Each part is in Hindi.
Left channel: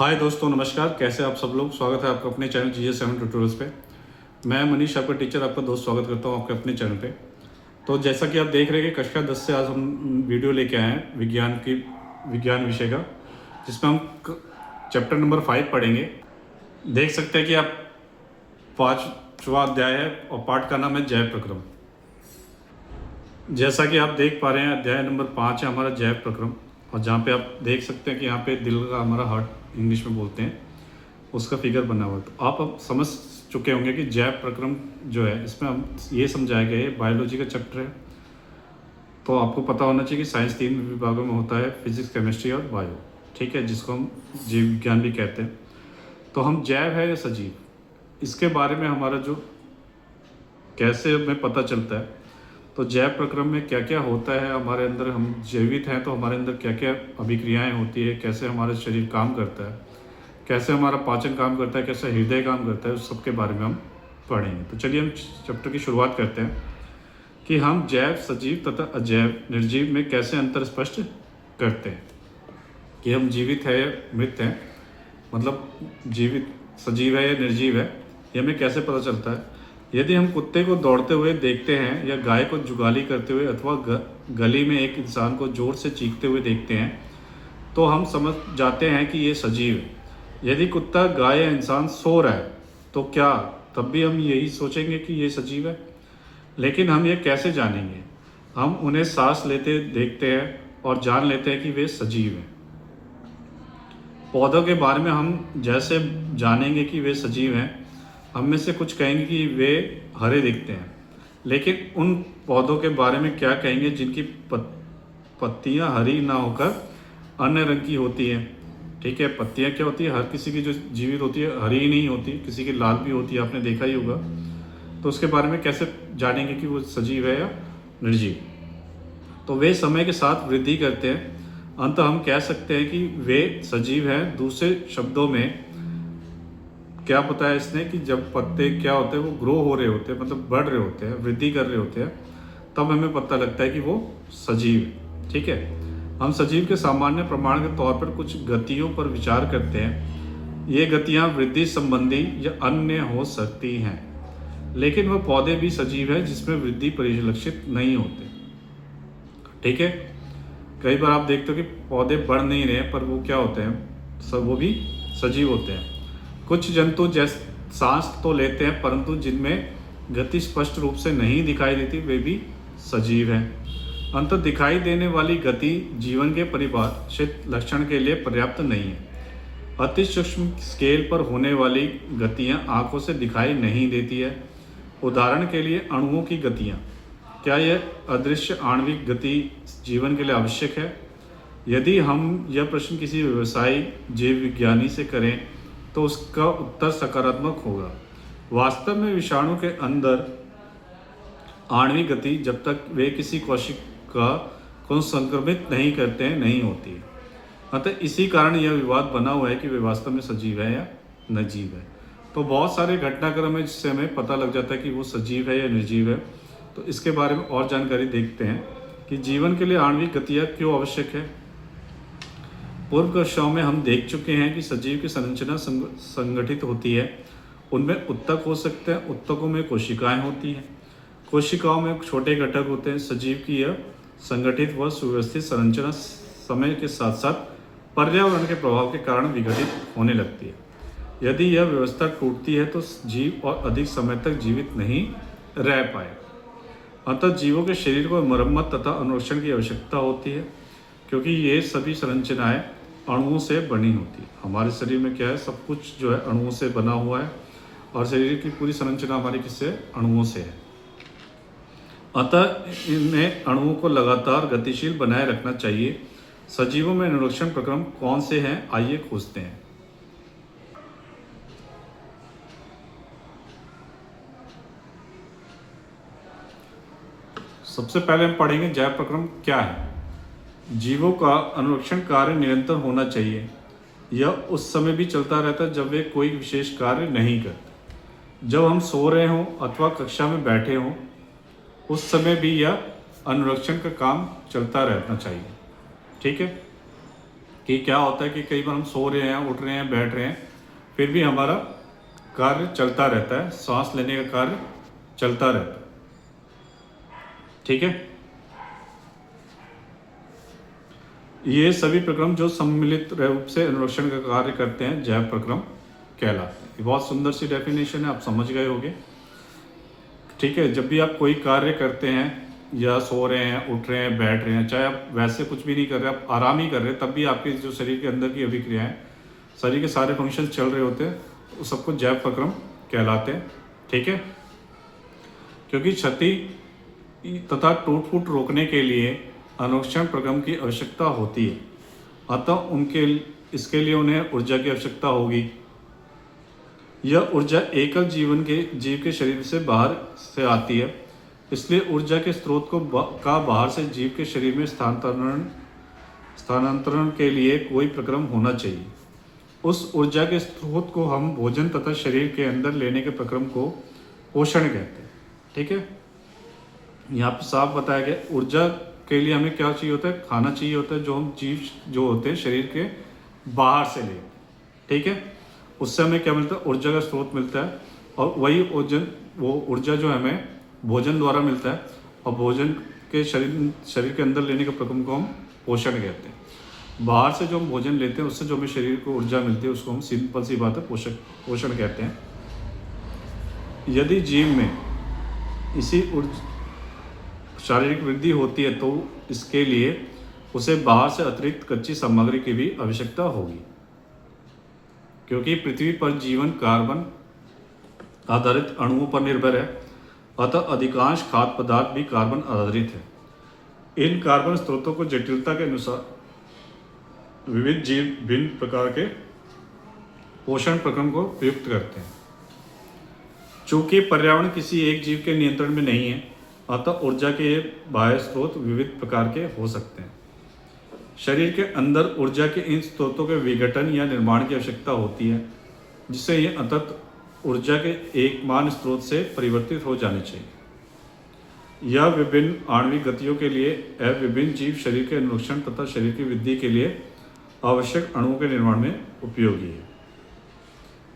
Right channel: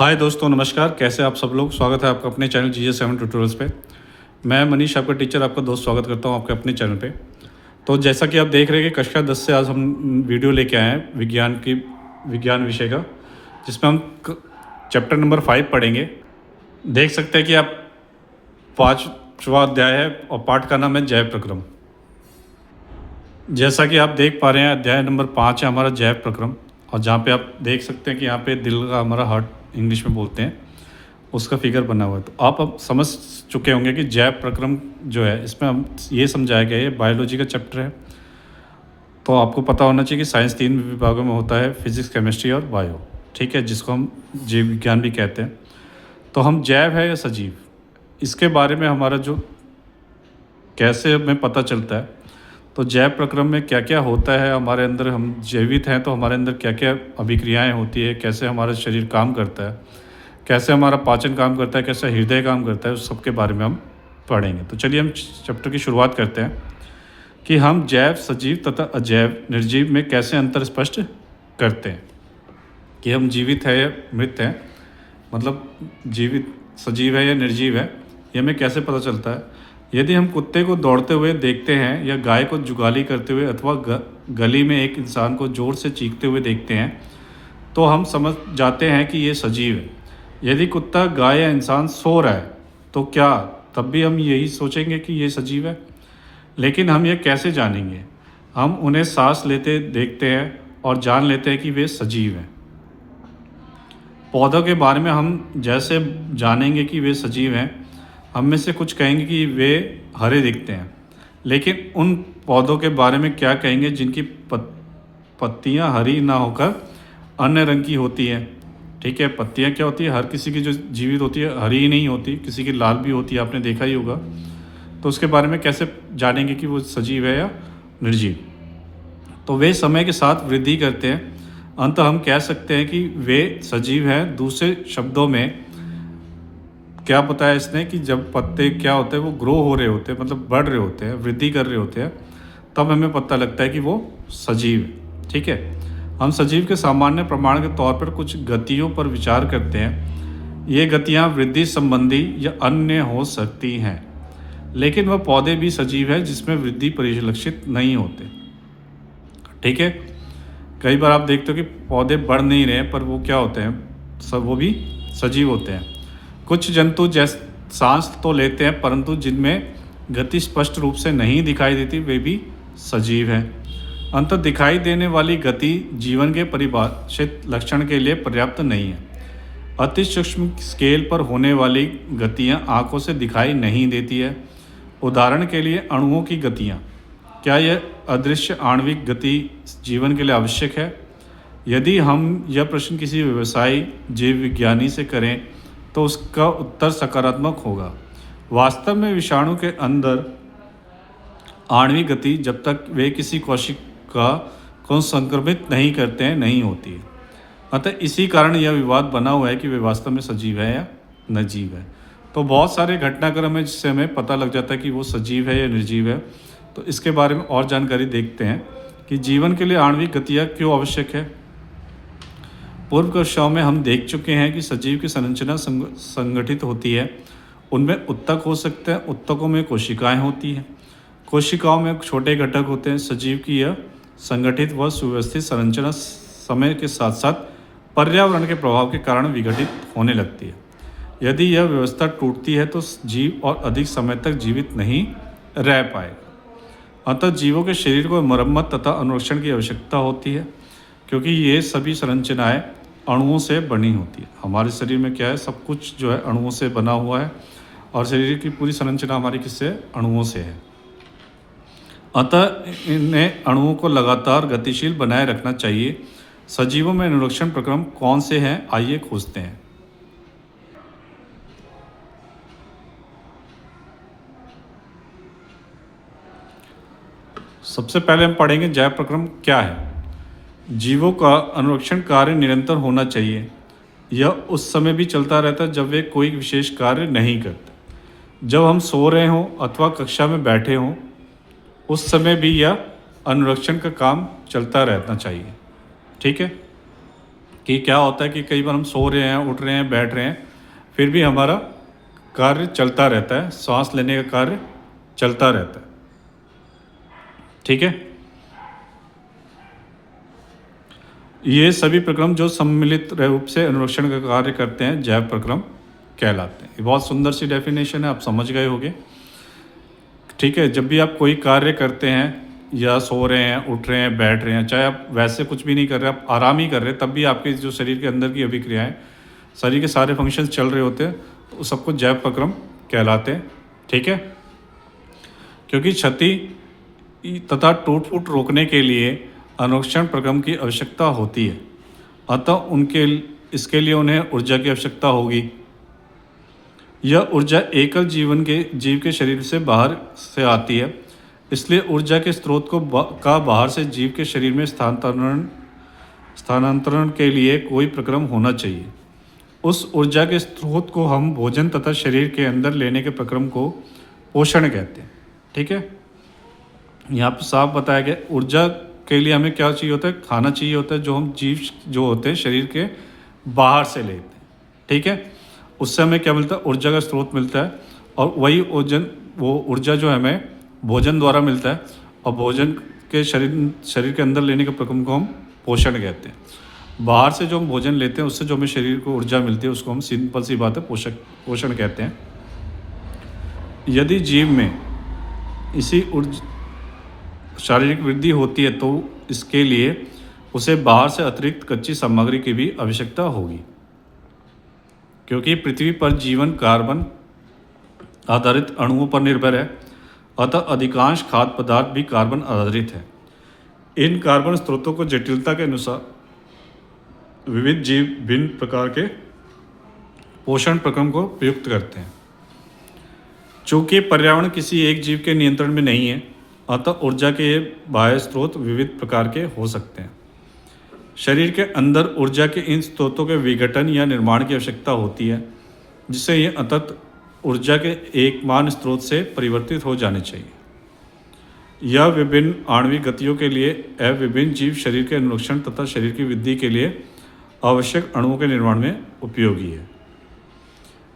हाय दोस्तों, नमस्कार। कैसे आप सब लोग? स्वागत है आपका अपने चैनल GS7 ट्यूटोरियल्स पे। मैं मनीष, आपका टीचर, आपका दोस्त, स्वागत करता हूँ आपके अपने चैनल पे। तो जैसा कि आप देख रहे हैं कि कक्षा 10 से आज हम वीडियो लेके आए हैं विज्ञान विषय का, जिसमें हम चैप्टर नंबर 5 पढ़ेंगे। देख सकते हैं कि आप 5वां अध्याय है और पाठ का नाम है जैव प्रक्रम। जैसा कि आप देख पा रहे हैं, अध्याय नंबर 5 है हमारा जैव प्रक्रम। और जहाँ पे आप देख सकते हैं कि यहाँ पे दिल का, हमारा हार्ट इंग्लिश में बोलते हैं, उसका फिगर बना हुआ है। तो आप अब समझ चुके होंगे कि जैव प्रक्रम जो है, इसमें हम ये समझाया गया है, बायोलॉजी का चैप्टर है। तो आपको पता होना चाहिए कि साइंस 3 विभागों में होता है, फिजिक्स, केमिस्ट्री और बायो, ठीक है, जिसको हम जीव विज्ञान भी कहते हैं। तो हम जैव है या सजीव, इसके बारे में हमारा जो कैसे हमें पता चलता है, तो जैव प्रक्रम में क्या क्या होता है हमारे अंदर। हम जीवित हैं तो हमारे अंदर क्या क्या अभिक्रियाएं होती है, कैसे हमारा शरीर काम करता है, कैसे हमारा पाचन काम करता है, कैसे हृदय काम करता है, उस सब के बारे में हम पढ़ेंगे। तो चलिए हम चैप्टर की शुरुआत करते हैं कि हम जैव, सजीव तथा अजैव, निर्जीव में कैसे अंतर स्पष्ट करते हैं, कि हम जीवित है या मृत हैं, मतलब जीवित सजीव है या निर्जीव है, ये हमें कैसे पता चलता है। यदि हम कुत्ते को दौड़ते हुए देखते हैं या गाय को जुगाली करते हुए अथवा गली में एक इंसान को जोर से चीखते हुए देखते हैं, तो हम समझ जाते हैं कि ये सजीव है। यदि कुत्ता, गाय या इंसान सो रहा है तो क्या तब भी हम यही सोचेंगे कि ये सजीव है? लेकिन हम ये कैसे जानेंगे? हम उन्हें सांस लेते देखते हैं और जान लेते हैं कि वे सजीव हैं। पौधों के बारे में हम जैसे जानेंगे कि वे सजीव हैं, हम में से कुछ कहेंगे कि वे हरे दिखते हैं, लेकिन उन पौधों के बारे में क्या कहेंगे जिनकी पत्तियां हरी ना होकर अन्य रंग की होती हैं? ठीक है, पत्तियां क्या होती है, हर किसी की जो जीवित होती है हरी ही नहीं होती, किसी की लाल भी होती है, आपने देखा ही होगा। तो उसके बारे में कैसे जानेंगे कि वो सजीव है या निर्जीव? तो वे समय के साथ वृद्धि करते हैं, अंत हम कह सकते हैं कि वे सजीव हैं। दूसरे शब्दों में क्या बताया इसने कि जब पत्ते क्या होते हैं, वो ग्रो हो रहे होते हैं, मतलब बढ़ रहे होते हैं, वृद्धि कर रहे होते हैं, तब हमें पता लगता है कि वो सजीव है। ठीक है, हम सजीव के सामान्य प्रमाण के तौर पर कुछ गतियों पर विचार करते हैं। ये गतियाँ वृद्धि संबंधी या अन्य हो सकती हैं, लेकिन वह पौधे भी सजीव हैं जिसमें वृद्धि परिलक्षित नहीं होते। ठीक है, कई बार आप देखते हो कि पौधे बढ़ नहीं रहे हैं, पर वो क्या होते हैं, सब वो भी सजीव होते हैं। कुछ जंतु जैसे सांस तो लेते हैं, परंतु जिनमें गति स्पष्ट रूप से नहीं दिखाई देती, वे भी सजीव हैं। अंत दिखाई देने वाली गति जीवन के परिभाषित लक्षण के लिए पर्याप्त नहीं है। अति सूक्ष्म स्केल पर होने वाली गतियां आंखों से दिखाई नहीं देती है। उदाहरण के लिए अणुओं की गतियां। क्या यह अदृश्य आणविक गति जीवन के लिए आवश्यक है? यदि हम यह प्रश्न किसी व्यवसायी जीव विज्ञानी से करें तो उसका उत्तर सकारात्मक होगा। वास्तव में विषाणु के अंदर आणविक गति जब तक वे किसी कोशिका को संक्रमित नहीं करते हैं नहीं होती है। अतः इसी कारण यह विवाद बना हुआ है कि वे वास्तव में सजीव है या निर्जीव है। तो बहुत सारे घटनाक्रम है जिससे हमें पता लग जाता है कि वो सजीव है या निर्जीव है। तो इसके बारे में और जानकारी देखते हैं कि जीवन के लिए आणविक गतियाँ क्यों आवश्यक है। पूर्व कक्षाओं में हम देख चुके हैं कि सजीव की संरचना संगठित होती है। उनमें उत्तक हो सकते हैं, उत्तकों में कोशिकाएं होती हैं, कोशिकाओं में छोटे घटक होते हैं। सजीव की यह संगठित व सुव्यवस्थित संरचना समय के साथ साथ पर्यावरण के प्रभाव के कारण विघटित होने लगती है। यदि यह व्यवस्था टूटती है तो जीव और अधिक समय तक जीवित नहीं रह पाए। अतः जीवों के शरीर को मरम्मत तथा अनुरक्षण की आवश्यकता होती है, क्योंकि ये सभी संरचनाएं अणुओं से बनी होती है। हमारे शरीर में क्या है, सब कुछ जो है अणुओं से बना हुआ है, और शरीर की पूरी संरचना हमारी किससे, अणुओं से है। अतः इन्हें अणुओं को लगातार गतिशील बनाए रखना चाहिए। सजीवों में अनुरक्षण प्रक्रम कौन से हैं, आइए खोजते हैं। सबसे पहले हम पढ़ेंगे जैव प्रक्रम क्या है। जीवों का अनुरक्षण कार्य निरंतर होना चाहिए। यह उस समय भी चलता रहता है जब वे कोई विशेष कार्य नहीं करते। जब हम सो रहे हों अथवा कक्षा में बैठे हों, उस समय भी यह अनुरक्षण का काम चलता रहना चाहिए। ठीक है, कि क्या होता है कि कई बार हम सो रहे हैं, उठ रहे हैं, बैठ रहे हैं, फिर भी हमारा कार्य चलता रहता है, सांस लेने का कार्य चलता रहता है। ठीक है, ये सभी प्रक्रम जो सम्मिलित रूप से अनुरक्षण का कार्य करते हैं जैव प्रक्रम कहलाते हैं। ये बहुत सुंदर सी डेफिनेशन है, आप समझ गए होंगे। ठीक है, जब भी आप कोई कार्य करते हैं या सो रहे हैं, उठ रहे हैं, बैठ रहे हैं, चाहे आप वैसे कुछ भी नहीं कर रहे, आप आराम ही कर रहे हैं, तब भी आपके जो शरीर के अंदर की अभिक्रियाएं, शरीर के सारे फंक्शन चल रहे होते हैं, तो सबको जैव प्रक्रम कहलाते हैं। ठीक है, क्योंकि क्षति तथा टूट फूट रोकने के लिए अनुरक्षण प्रक्रम की आवश्यकता होती है, अतः इसके लिए उन्हें ऊर्जा की आवश्यकता होगी। यह ऊर्जा एकल जीव के शरीर से बाहर से आती है, इसलिए ऊर्जा के स्रोत का बाहर से जीव के शरीर में स्थानांतरण के लिए कोई प्रक्रम होना चाहिए। उस ऊर्जा के स्रोत को हम भोजन तथा शरीर के अंदर लेने के प्रक्रम को पोषण कहते हैं। ठीक है, यहाँ पर साफ बताया गया ऊर्जा के लिए हमें क्या चाहिए होता है, खाना चाहिए होता है, जो हम जीव जो होते हैं शरीर के बाहर से लेते हैं। ठीक है, उससे हमें क्या मिलता है, ऊर्जा का स्रोत मिलता है, और वही वो ऊर्जा जो हमें भोजन द्वारा मिलता है, और भोजन के शरीर के अंदर लेने के प्रक्रम को हम पोषण कहते हैं। बाहर से जो हम भोजन लेते हैं उससे जो हमें शरीर को ऊर्जा मिलती है उसको हम सिंपल सी बात है पोषण कहते हैं। यदि जीव में इसी शारीरिक वृद्धि होती है तो इसके लिए उसे बाहर से अतिरिक्त कच्ची सामग्री की भी आवश्यकता होगी, क्योंकि पृथ्वी पर जीवन कार्बन आधारित अणुओं पर निर्भर है, अतः अधिकांश खाद्य पदार्थ भी कार्बन आधारित है। इन कार्बन स्रोतों को जटिलता के अनुसार विविध जीव भिन्न प्रकार के पोषण प्रक्रम को प्रयुक्त करते हैं। चूंकि पर्यावरण किसी एक जीव के नियंत्रण में नहीं है, अतः ऊर्जा के बाह्य स्रोत विविध प्रकार के हो सकते हैं। शरीर के अंदर ऊर्जा के इन स्रोतों के विघटन या निर्माण की आवश्यकता होती है, जिससे ये अंततः ऊर्जा के एकमान स्रोत से परिवर्तित हो जाने चाहिए। यह विभिन्न आणविक गतियों के लिए एवं विभिन्न जीव शरीर के अनुरक्षण तथा शरीर की वृद्धि के लिए आवश्यक अणुओं के निर्माण में उपयोगी है।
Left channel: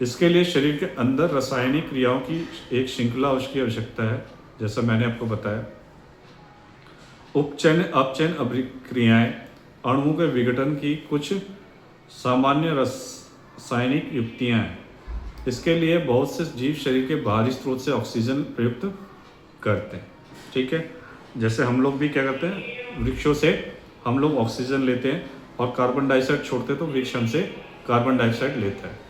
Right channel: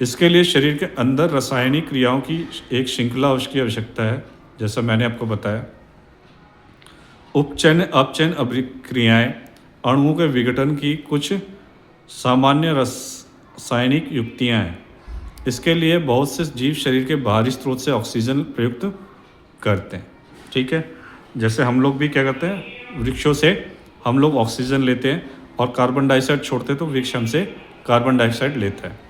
इसके लिए शरीर के अंदर रासायनिक क्रियाओं की एक श्रृंखला की आवश्यकता है, जैसा मैंने आपको बताया। उपचयन अपचयन अभिक्रियाएं अणुओं के विघटन की कुछ सामान्य रासायनिक युक्तियां हैं। इसके लिए बहुत से जीव शरीर के बाहरी स्रोत से ऑक्सीजन प्रयुक्त करते हैं। ठीक है, जैसे हम लोग भी क्या करते हैं, वृक्षों से हम लोग ऑक्सीजन लेते हैं और कार्बन डाइऑक्साइड छोड़ते हैं, तो वृक्ष हमसे कार्बन डाइऑक्साइड लेता है।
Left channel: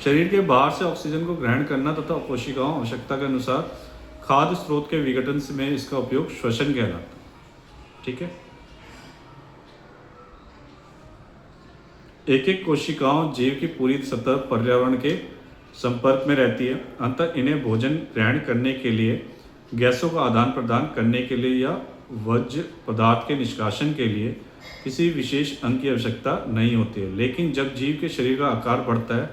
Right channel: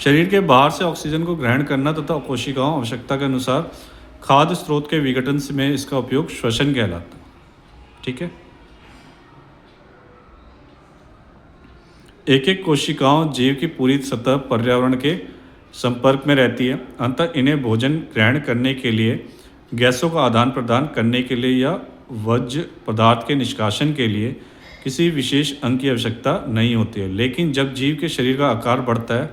शरीर के बाहर से ऑक्सीजन को ग्रहण करना तथा कोशिकाओं आवश्यकता के अनुसार खाद्य स्रोत के विघटन में इसका उपयोग श्वसन कहलाता है। ठीक है, एक एक कोशिकाओं जीव की पूरी सतह पर्यावरण के संपर्क में रहती है, अंततः इन्हें भोजन ग्रहण करने के लिए, गैसों का आदान प्रदान करने के लिए या वर्ज्य पदार्थ के निष्कासन के लिए किसी विशेष अंग की आवश्यकता नहीं होती है। लेकिन जब जीव के शरीर का आकार बढ़ता है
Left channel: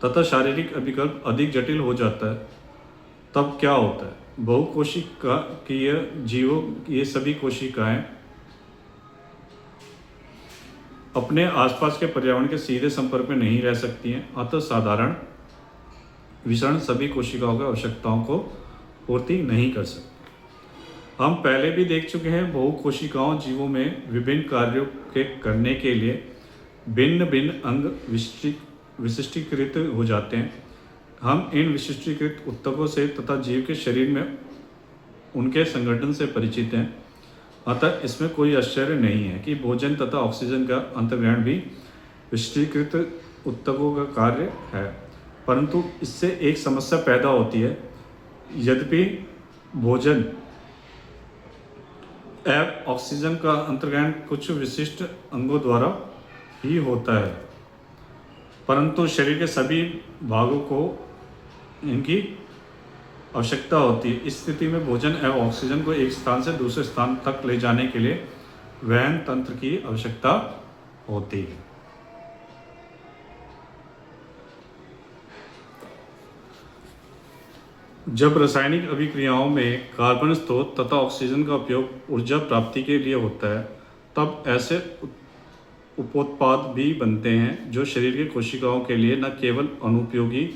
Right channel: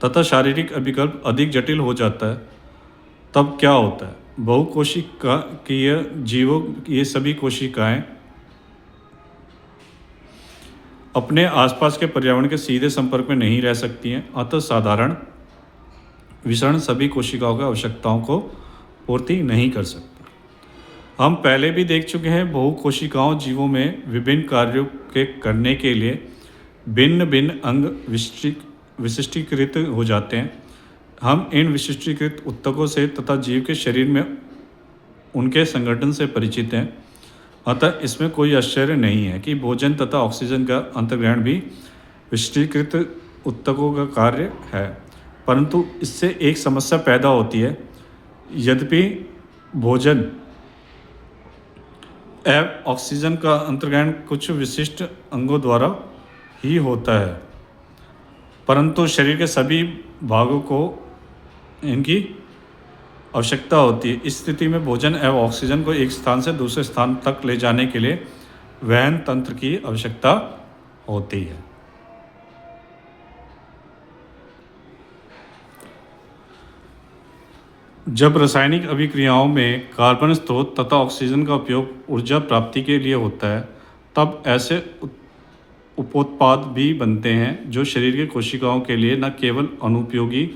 तथा शारीरिक अभिकल्प अधिक जटिल हो जाता है, तब क्या होता है, बहुकोशिकीय जीवों ये सभी कोशिकाएं अपने आसपास के पर्यावरण के सीधे संपर्क में नहीं रह सकती हैं, अतः साधारण विसरण सभी कोशिकाओं की आवश्यकताओं को पूर्ति नहीं कर सकता। हम पहले भी देख चुके हैं, बहुकोशिकाओं जीवों में विभिन्न कार्यों के करने के लिए भिन्न भिन्न अंग विशिष्टीकृत हो जाते हैं। हम इन विशिष्टीकृत ऊतकों से तथा जीव के शरीर में उनके संगठन से परिचित हैं, अतः इसमें कोई आश्चर्य नहीं है कि भोजन तथा ऑक्सीजन का अंतर्ग्रहण भी विशिष्टीकृत ऊतकों का कार्य है। परंतु इससे एक समस्या पैदा होती है। यद्यपि भोजन एवं ऑक्सीजन का अंतर्ग्रहण कुछ विशिष्ट अंगों द्वारा ही होता है, परंतु शरीर के सभी भागों को इनकी आवश्यकता होती है। इस स्थिति में भोजन एवं ऑक्सीजन को एक स्थान से दूसरे स्थान तक ले जाने के लिए वहन तंत्र की आवश्यकता होती है। जब रासायनिक अभिक्रियाओं में कार्बन स्रोत तथा ऑक्सीजन का उपयोग ऊर्जा प्राप्ति के लिए होता है, तब ऐसे उपोत्पाद भी बनते हैं जो शरीर के कोशिकाओं के लिए न केवल अनुपयोगी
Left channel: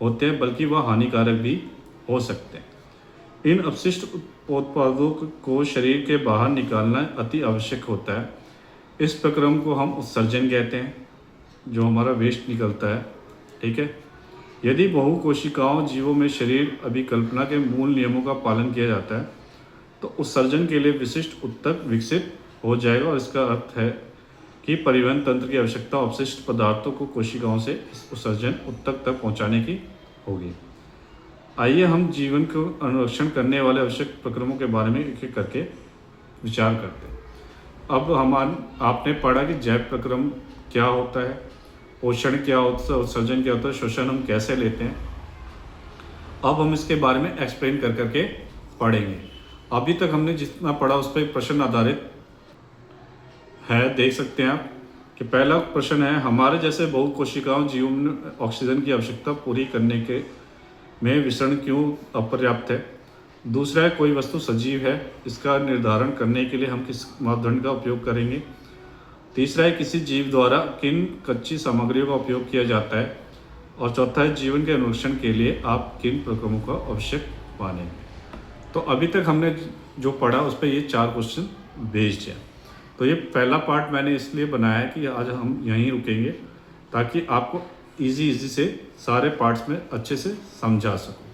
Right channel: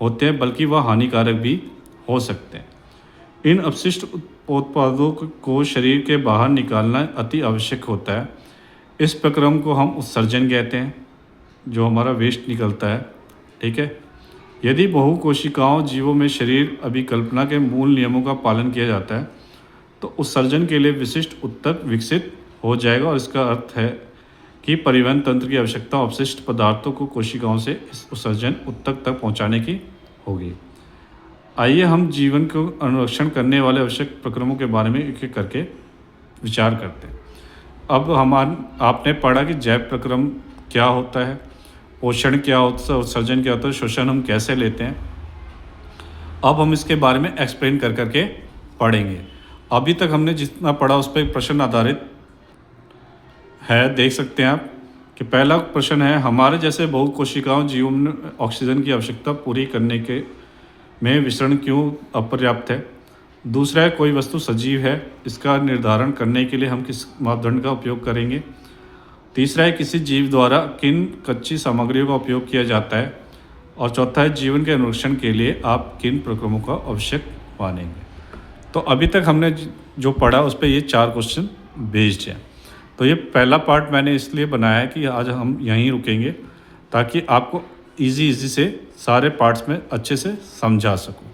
होते हैं बल्कि वह हानिकारक भी हो सकते हैं। इन अपशिष्ट उत्पादों को शरीर के बाहर निकालना अति आवश्यक होता है। इस प्रक्रम को हम उत्सर्जन कहते हैं, जो हमारा वेस्ट निकलता है। ठीक है। यदि बहुकोशिकाओं जीवों में शरीर अभिकल्पना के मूल नियमों का पालन किया जाता है तो उत्सर्जन के लिए विशिष्ट ऊतक विकसित हो जाएगा, और इसका अर्थ है कि परिवहन तंत्र की आवश्यकता अपशिष्ट पदार्थों को कोशिकाओं से इस उत्सर्जन ऊतक तक पहुंचाने की होगी। आइए हम जीवन को अनुरक्षण करने वाले आवश्यक प्रक्रमों के बारे में एक एक करके विचार करते हैं। अब आपने पढ़ा कि जैव प्रक्रम क्या होता है, पोषण क्या होता है, उत्सर्जन क्या होता है, श्वसन हम कैसे लेते हैं। अब हम इसके बारे में एक्सप्लेन कर करके पढ़ेंगे। अभी तक हमने जितना पढ़ा उस पर एक प्रश्न आधारित है, देख सकते हैं आप कि पहला प्रश्न है, हमारे जैसे बहुकोशिकाओं जीवों में ऑक्सीजन की आवश्यकता पूरी करने के में विसरण क्यों अपर्याप्त है। दूसरा है, कोई वस्तु सजीव है, इसका निर्धारण करने के लिए हम किस मापदंड का उपयोग करेंगे। तीसरा है, किसी जीव द्वारा किन कच्ची सामग्रियों का उपयोग किया जाता है। और चौथा है, जीवन के अनुरक्षण के लिए आप किन प्रक्रमों का आवश्यक मानेंगे। तो अभी तक हमने जो पढ़ा उस पर ये 4 क्वेश्चन बेस्ड हैं। तो ये पहला पार्ट मैंने इसलिए बनाया है कि आज हम यहीं रुकेंगे ताकि आपको इजी से सारे पार्ट्स में अच्छे से समझा सकूं।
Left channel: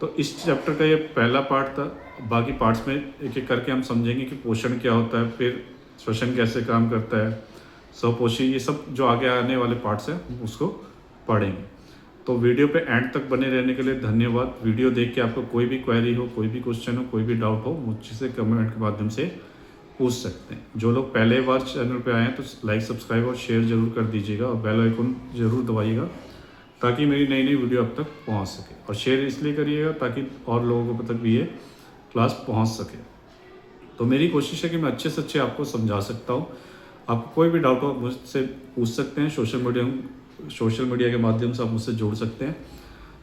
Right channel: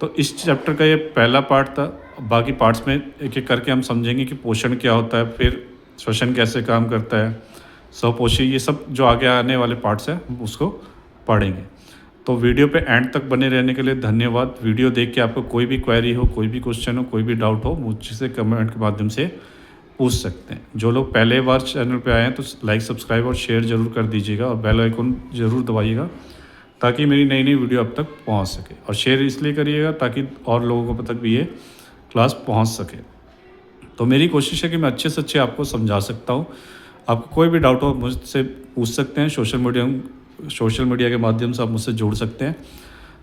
तो इस चैप्टर का ये पहला पार्ट था। बाकी पार्ट्स में एक एक करके हम समझेंगे कि पोषण क्या होता है, फिर श्वसन कैसे काम करता है, स्वपोषी, ये सब जो आगे आने वाले पार्ट्स हैं हम उसको पढ़ेंगे। तो वीडियो पे एंड तक बने रहने के लिए धन्यवाद। वीडियो देख के आपको कोई भी क्वेरी हो, कोई भी क्वेश्चन हो, कोई भी डाउट हो, मुझसे कमेंट के माध्यम से पूछ सकते हैं। जो लोग पहले बार चैनल पे आए हैं तो लाइक, सब्सक्राइब और शेयर ज़रूर कर दीजिएगा, और बेल आइकन ज़रूर दबाइएगा ताकि मेरी नई नई वीडियो अब तक पहुंच सके। और शेयर इसलिए करिएगा ताकि और लोगों को तक भी ये क्लास पहुंच सके। तो मेरी कोशिश है कि मैं अच्छे से अच्छे आपको समझा सकता हूँ। आपको कोई भी डाउट हो मुझसे पूछ सकते हैं। सोशल मीडिया के माध्यम से आप मुझसे जुड़ सकते हैं।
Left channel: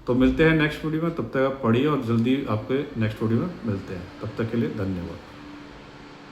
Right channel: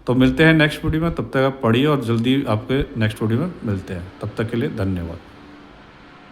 तो मिलते हैं नेक्स्ट वीडियो में, तब तक आप पढ़िए और जल्दी आपके नेक्स्ट वीडियो में मिलते हैं। तब तक के लिए धन्यवाद।